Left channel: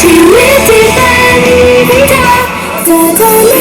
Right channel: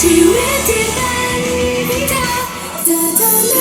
教えてあげたた